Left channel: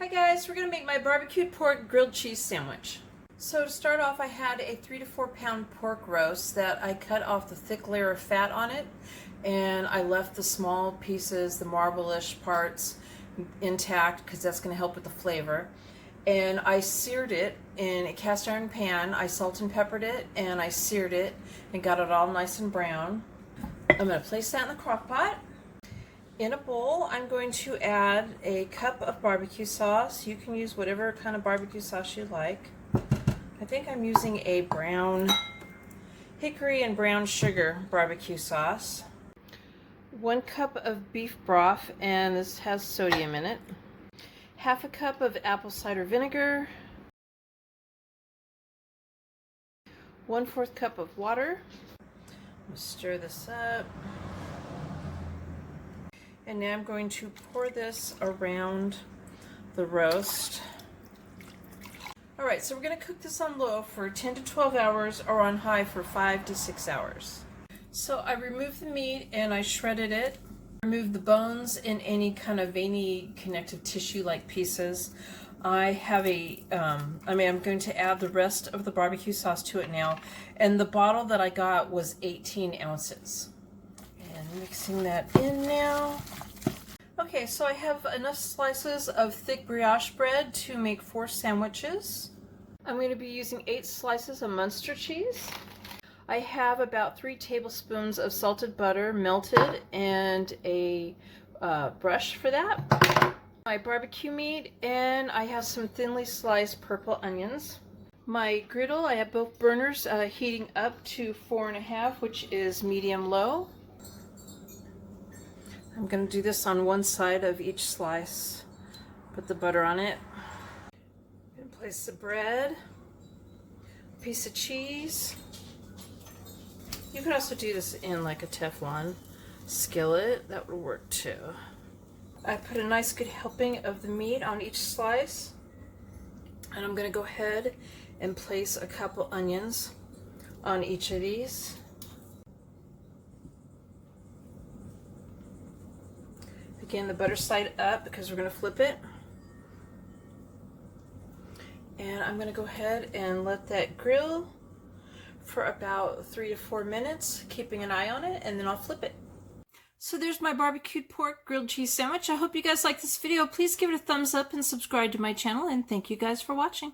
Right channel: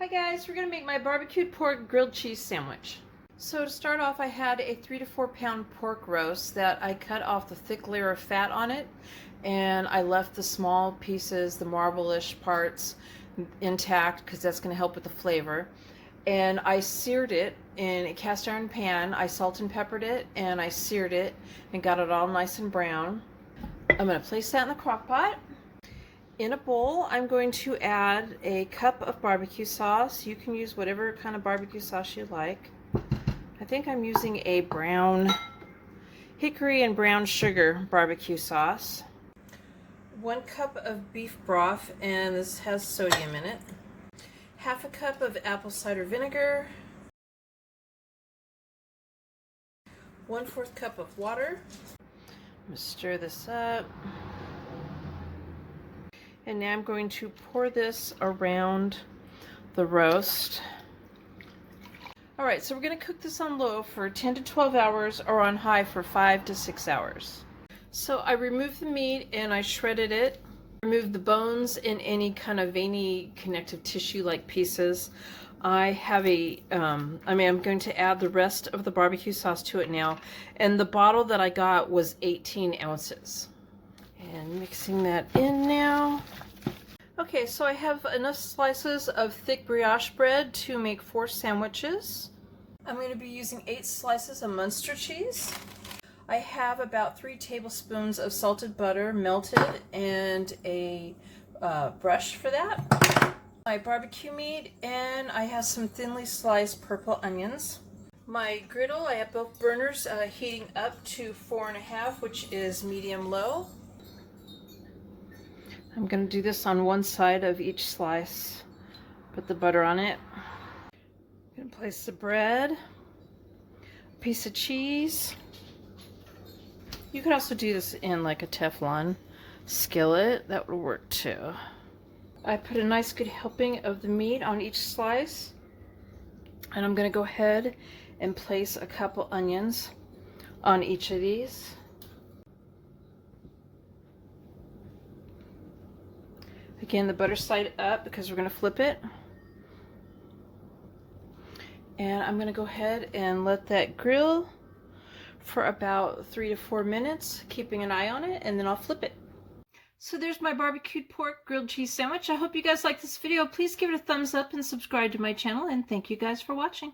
Hi guys, we're going to make my barbecued pork grilled cheese sandwich. So to start off, I had a 3 to 4 pound pork roast that I cut off the thick layer of fat on it, and I left the small pieces, the marble-ish parts, intact because that's going to help with the flavor. And I seared it in a cast iron pan. I salt and peppered it, and I seared it and got it all nice and brown. I'm going to place that in the crock pot. In a bowl, I'm going to add a cup of barbecue sauce. You can use whatever kind of barbecue sauce you like. I think I'm using a brown hickory and brown sugar barbecue sauce. 1 cup of beef broth, and this has sodium in it. Half a cup of apple cider vinegar. 1/4 cup of water. I'm going to stir this up. And now I'm going to pour this around the roast. Alright, so we're going to cook this on low for 10 to 12 hours or on high for 5 to 6 hours. So I removed the meat and I shredded it. Removed the bones and any kind of veiny connective tissue like pieces. I have I'm going to add the rest of the barbecue sauce to it now. And the bottle that I got was 18 ounces. And mixing that in now. Okay, so I have enough slices of thick brioche bread to make 4 sandwiches. I'm going to be using 8 slices of Munster cheese. I have about 3 tablespoons of salted butter melted and a brush for that. My barbecue meat, and I have some thinly sliced purple onions. My griddle, I have both burners heating up to 4.5, which is medium-low. I'm going to do this on one side of each slice. Put the butter on it. I'm going to place the bread, a piece of cheese. You could also do this in like a Teflon skillet. That would work too. I put a nice good helping of the meat on each slice. And I'm going to go ahead and place a couple onions on each of these. Again, the butter side up because we're going to flip it. And I'm going to go ahead and let that grill for about 3 to 4 minutes, keeping an eye on it, and then I'll flip it. So there's my barbecued pork grilled cheese sandwich. I hope you guys like this video. Please give it a thumbs up and subscribe to my channel, and thank you guys for watching.